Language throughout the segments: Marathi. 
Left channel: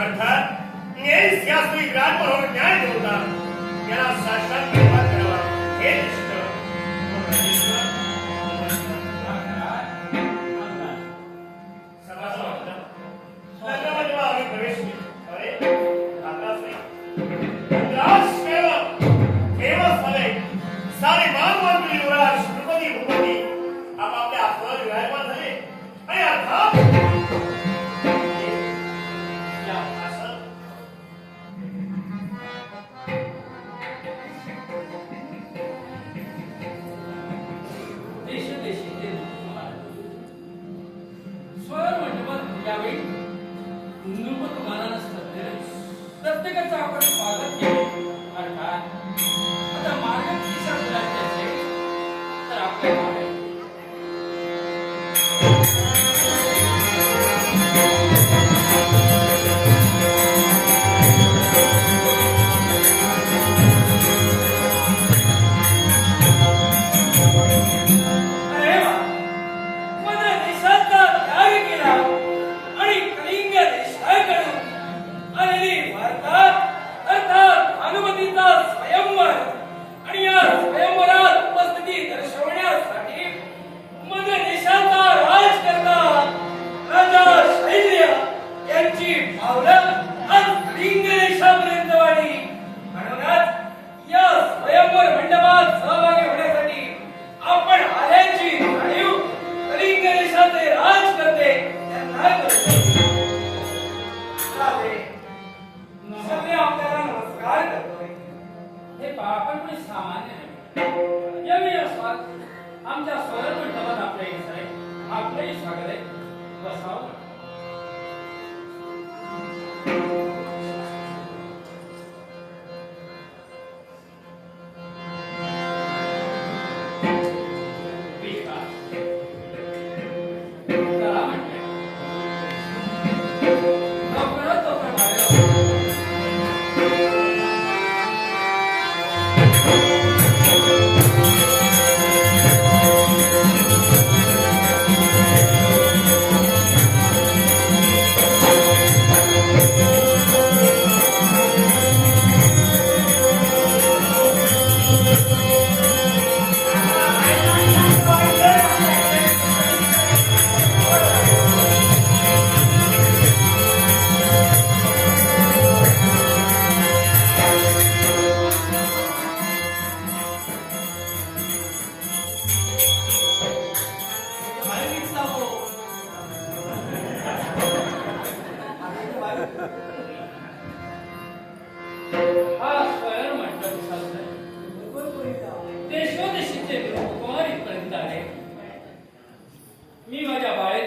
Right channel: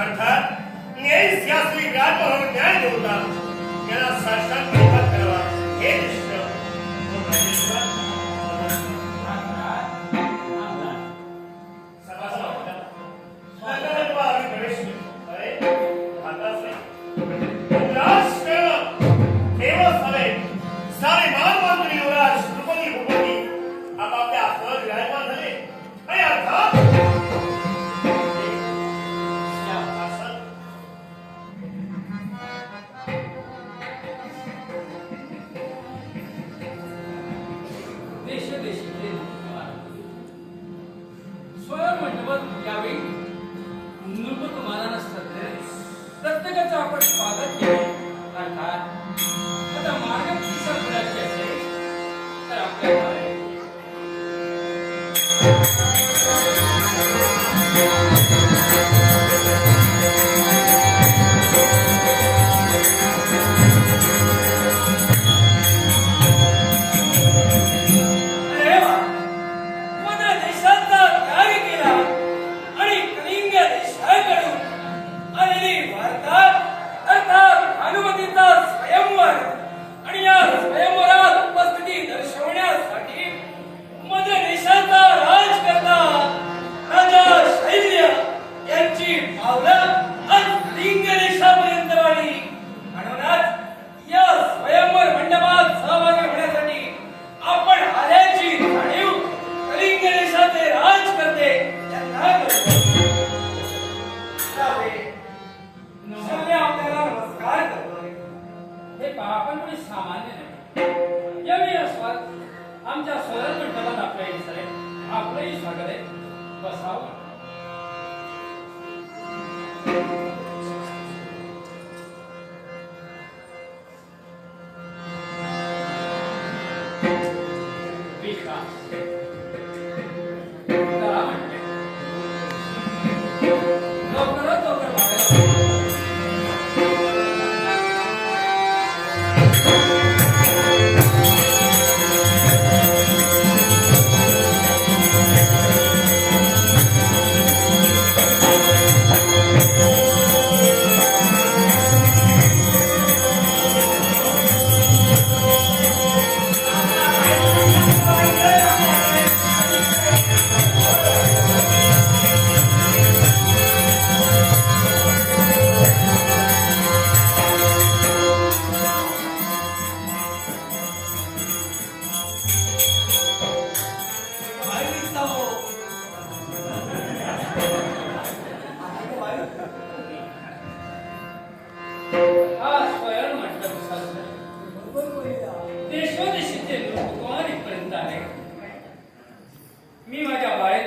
अर्थात न्यायीस या श्री विराजमनोहर न्याय देवता याला साक्षात निर्माण करावा. हे निष्ठ प्रत्येकाचं आपण स्वागत केले अर्थात आता मानव दिशा कुणाची असेल तर आपल्या स्वयंवर आणि या स्वयंवरात उपस्थिती दर्शवण्यासाठी माझ्या देशाचा राजकर्ता राजा शैल्य यांची पावलं आपण कोणी सामान्य नाही यावेळी अस्वाद आमच्या स्वरण मंडपात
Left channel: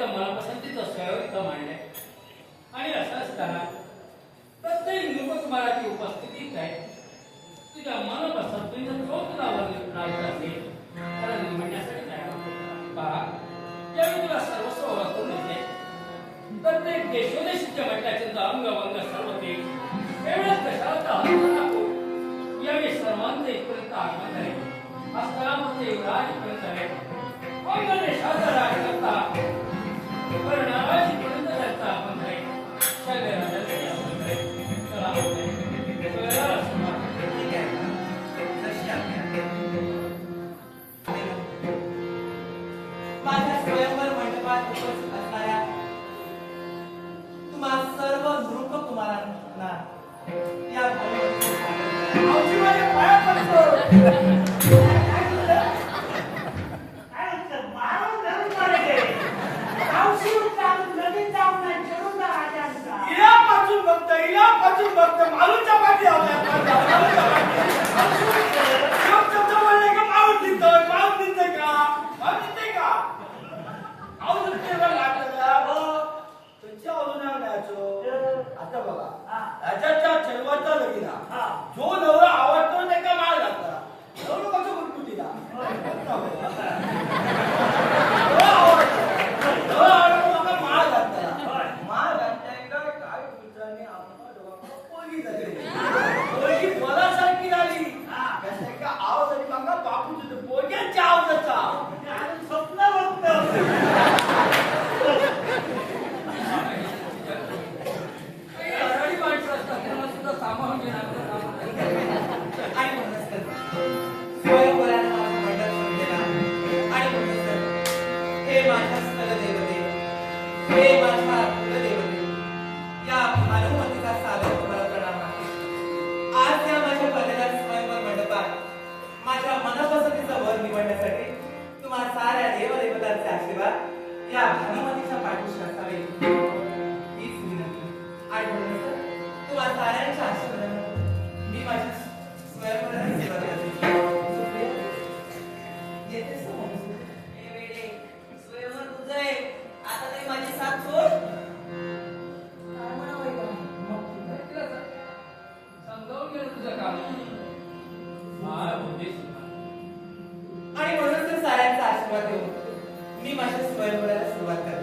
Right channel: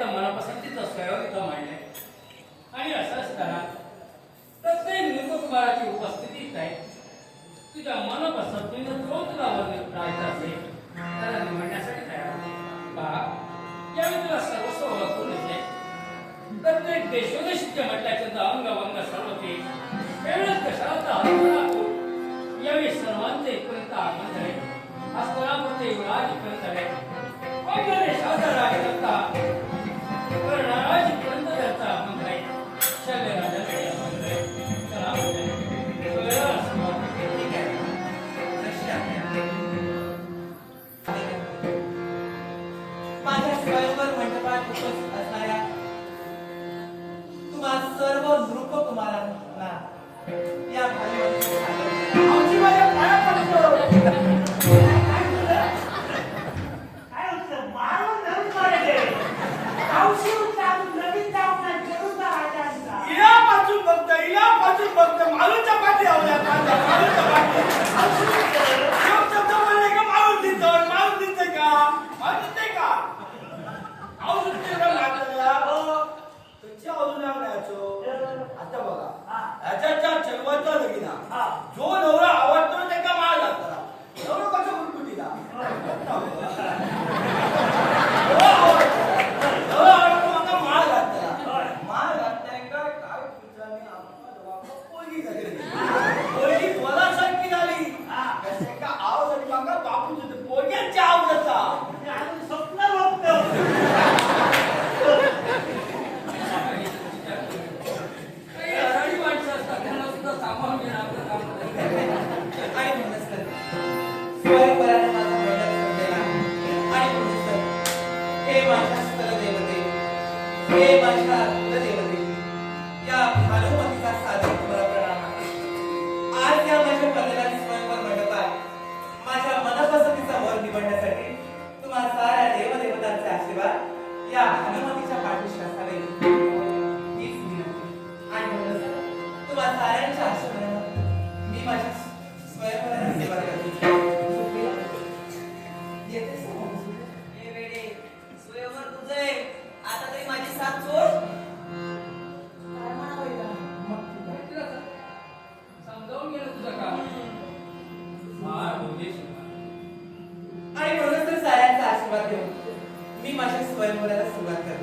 माझ्या बाळेचं मनापसंतीचं स्वयं इथं मांडलंय आणि असं असताना प्रत्येक लोककुमाराची उपस्थिती आहे. तुझ्या मनपसंत तुझं जो तुला राहायचं असेल त्याला निवडण्यासाठी तयार आहे. पहा तुला सर्वस्व उभं करून येते प्रत्येक देशोदेशीच्या मंडळाचे अंग वंग सर्व ते एवढंच कशाचा यावेळी सर्वांचे इथपर्यंत आगमन झाले. हस्तापूरचे युवराज इथपर्यंत झाले. अंग देशाचा राजकर्ता माझ्या स्वयंवर मंडपात उपस्थित असणाऱ्या तुम्हा सर्व नृप कुमारांना bye मी माझ्या स्वयंवराला सुरुवात करते स्वयंवराला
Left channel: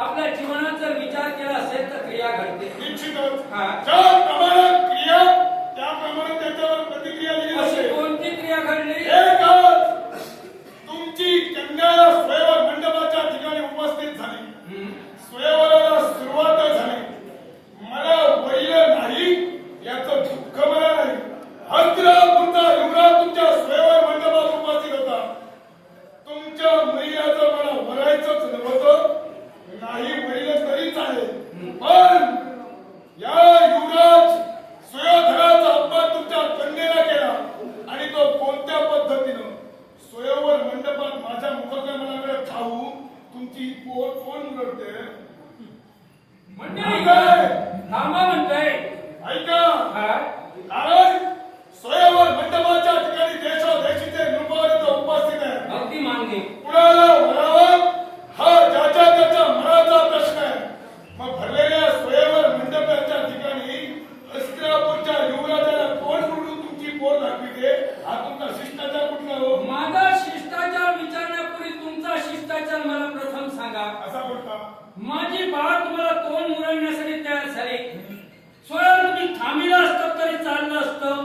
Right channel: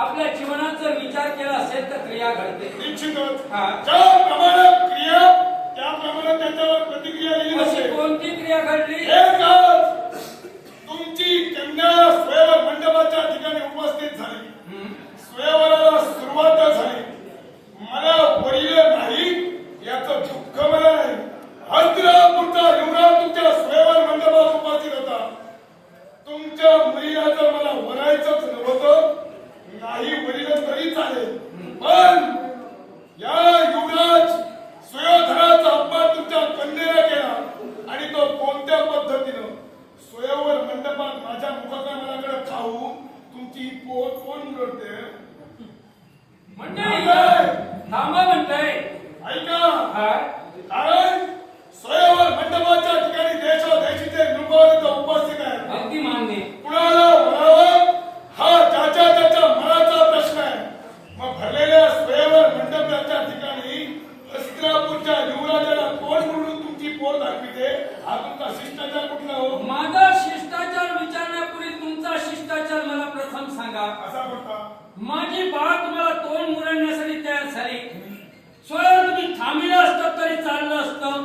आपल्या जीवनात जर विचार केला असेल तर क्रिया घडते. निश्चितच. हा. ज्या प्रमाणात क्रिया त्याप्रमाणे त्याच्यावर प्रतिक्रिया दिली अशी जाते. कोणती क्रिया घडली? एकच. तुमची कन्या स्वयंवर मंडपाच्या ठिकाणी उपस्थित झाली. स्वयंवराला सुरुवात झाली मला वरील नाही याचं दुःख मला नाही हस्तिनापूरचा युवराज तुमच्या स्वयंवर मंडपात उपस्थित होता तुमच्या मुलीला जर मला वरायचंच नव्हतं नाही वरील तरी चालेल. पण या युवराज सुयोधनाचा अपमान तुमच्या कन्येला केला आणि तो कोणत्या पद्धतीनं? स्वयंवर मंडपात माझ्या मुखकमलाकडे पाहून तुमची पोट कोण मुरडते मंडळी? थांबा म्हणताय. ऐका? कारण स्वयंवर मंडपाच्या ठिकाणी देशादेशीचे नृपवर्ग उपस्थित आहे अगदी मान्य कुणाला वरावं हा ज्याच्या त्याच्या मनाचा प्रश्न आहे मग भरलेल्या स्वयंवर मंडपाच्या ठिकाणी हस्तिनापूरच्या युवराजाला तोंड म्हणून तुमची पोट दाखविते हा तुमचा शिष्टाचार कुठला हो? माझा शिष्टाचार विचारण्यापूर्वी तुमचा शिष्टाचार मला प्रथम सांगा. असा कुठला माझी बाळ तुम्हाला तोंड मुरडण्यासाठी तयार झाली. स्वयं तुम्ही थांबलं असतं तरी चाललं असतं.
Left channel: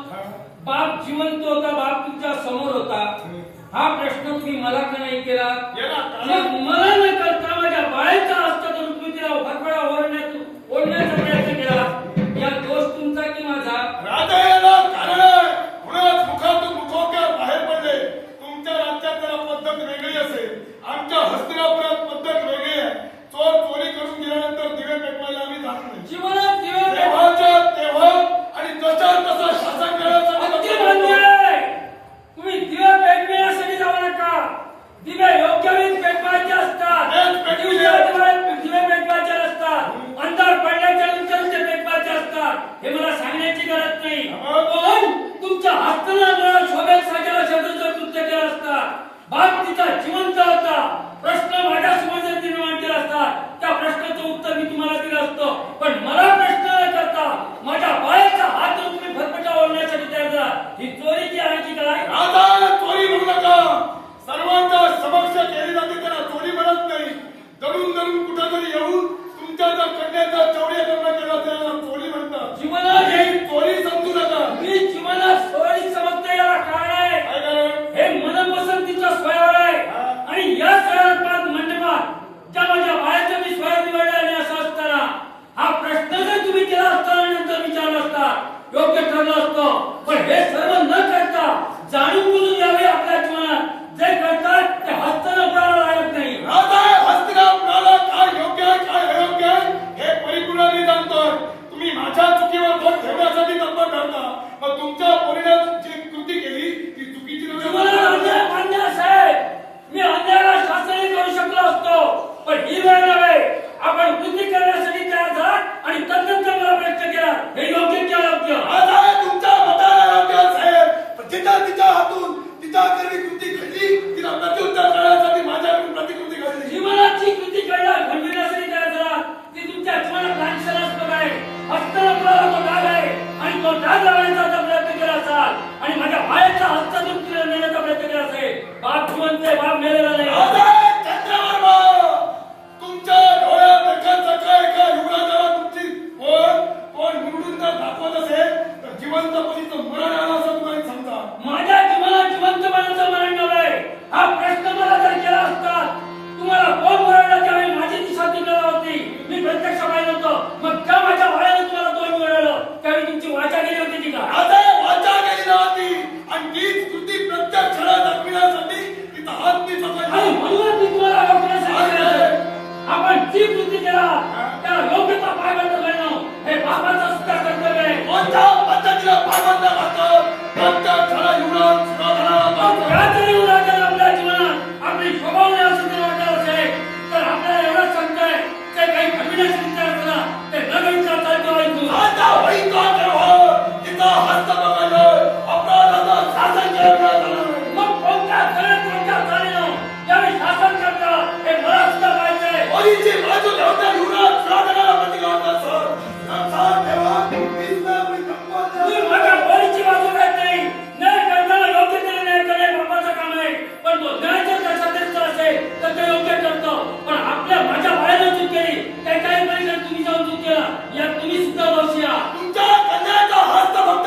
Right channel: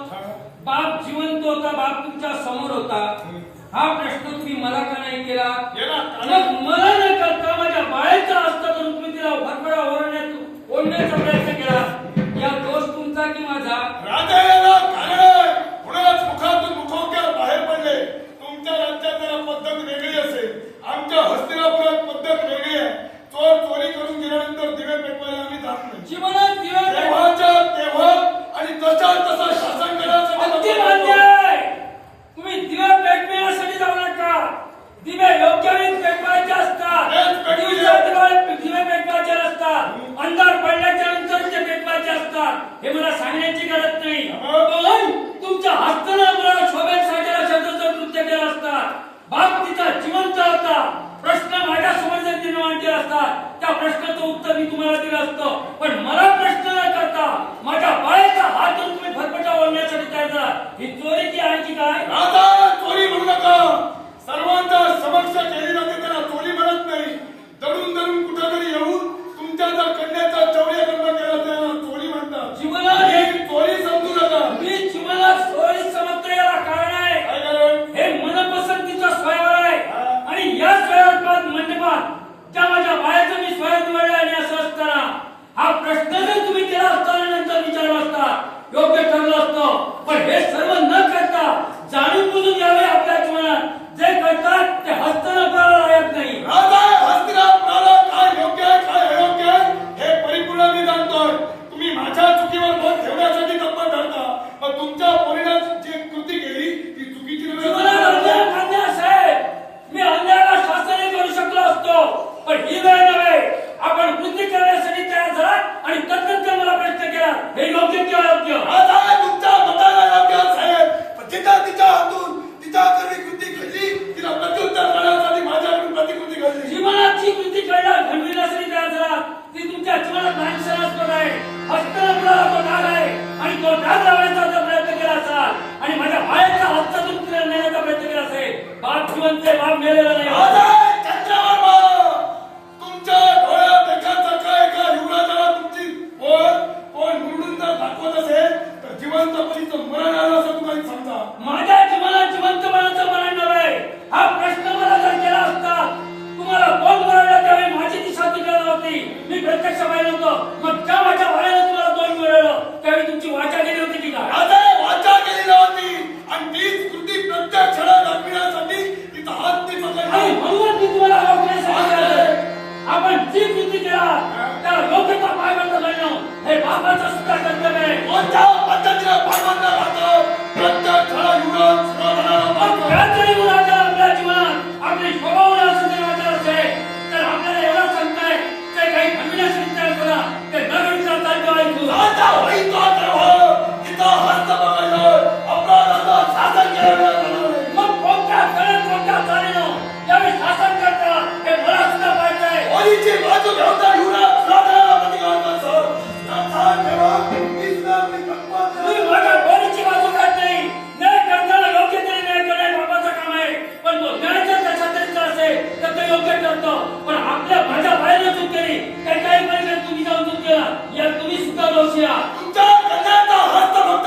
बाप जिवंत होता बाप तुमच्यासमोर होता. हा प्रश्न तुम्ही मला का नाही केला? मला करता माझ्या बाळाचा असतं तर तुम्ही तिला भरभरा ओरडण्यात ओढण्याचा प्रयत्न केला या दोष तुमचा की माझा राजा याला कारण आहे कुणाच मुखातून मुखोक्या बाहेर पडले तुमच्या राज्यात जरा पद्धत वेगळी असेल आमच्या हस्तिनापुरात पद्धत वेगळी आहे चोर चोरी करून गेल्यानंतर दिवे पेटवायला आम्ही जात नाही जीवनात दिवस तेव्हाच्या तेव्हा आणि तशा तसं शासन करण्यासाठी अगदी आपण मान्य करतो. आहे तुम्ही दिवे पेटविण्यासाठी जाऊ नका दिवे योग्य वेळी पेटवायचे असतात. दिवे पेटवायचे. असतात. अंधार पडल्याच्या नंतर ते पेटवायचे असतात. हे मला सांगण्याची गरज नाही. पण तुमच्या हस्तनामुळे शोभेत साजेला शब्दाचं कृत्य केलं असतात बाप तिचा जिवंत होता. प्रश्न माझ्यासमोर जर निर्माण केला असतात त्या प्रश्नाचं उत्तर मी तुम्हाला दिलं असतं. पण मला प्रश्न न करता माझ्या बाळाचा हात तुम्ही फटफटा ओढण्यासाठी तयार झाला ही चोरी की आणखी काय? राजा चोरी म्हणू नका. सर्वांच्या समक्ष केली जाते त्याला चोरी म्हणत नाही. दडून दडून कुठेतरी येऊन तुमच्या जर कन्याचा चौर्यकर्ण केला जर दाखवत असेल तर जिवंतपणीचं मरण आलं असं तुम्हाला समजा माझ्या जीवनात जिवंत मनाचं मरण नव्हे. हा प्रश्न मला जर केला असता तुम्हाला कोण मरवलं त्यावेळी माझी दिशा तुझ्याला होती. मी प्रत्यक्ष पाहिलं होतं. मग त्या माझ्या भाड्याने तुम्हाला दोन मिळवलं त्यावेळी तुमची वाचा गेली होती की का राजा वाचा केली नव्हती आणि तीच कृती प्रत्यक्ष दाखविण्यासाठी तिचा हात मी आणि म्हणूनच मी तुम्हाला केलं. आपण जी कृती केला मौलिकता पायबंद घालणं हे बाबाचं सुद्धा कर्तव्य आहे कोणत्या पद्धतीनं पायबंद घालतो प्रत्येक थोडा युवक काहीतरी उराचार आपल्या जीवनात. तर आपल्याला एवढं काही फॅमिलीशी विचार करा. ते न विचार चालतो साधन केलं मग कोणत्या सगळ्यात कोणत्या चालेल शासन करता. हे मला सुद्धा पाहिजे युवराज काही काही पलीकडे तुम्ही जाऊन चूक या तुम्ही सुद्धा दोषी आहात. तुमच्या कन्याचा हस्त फक्त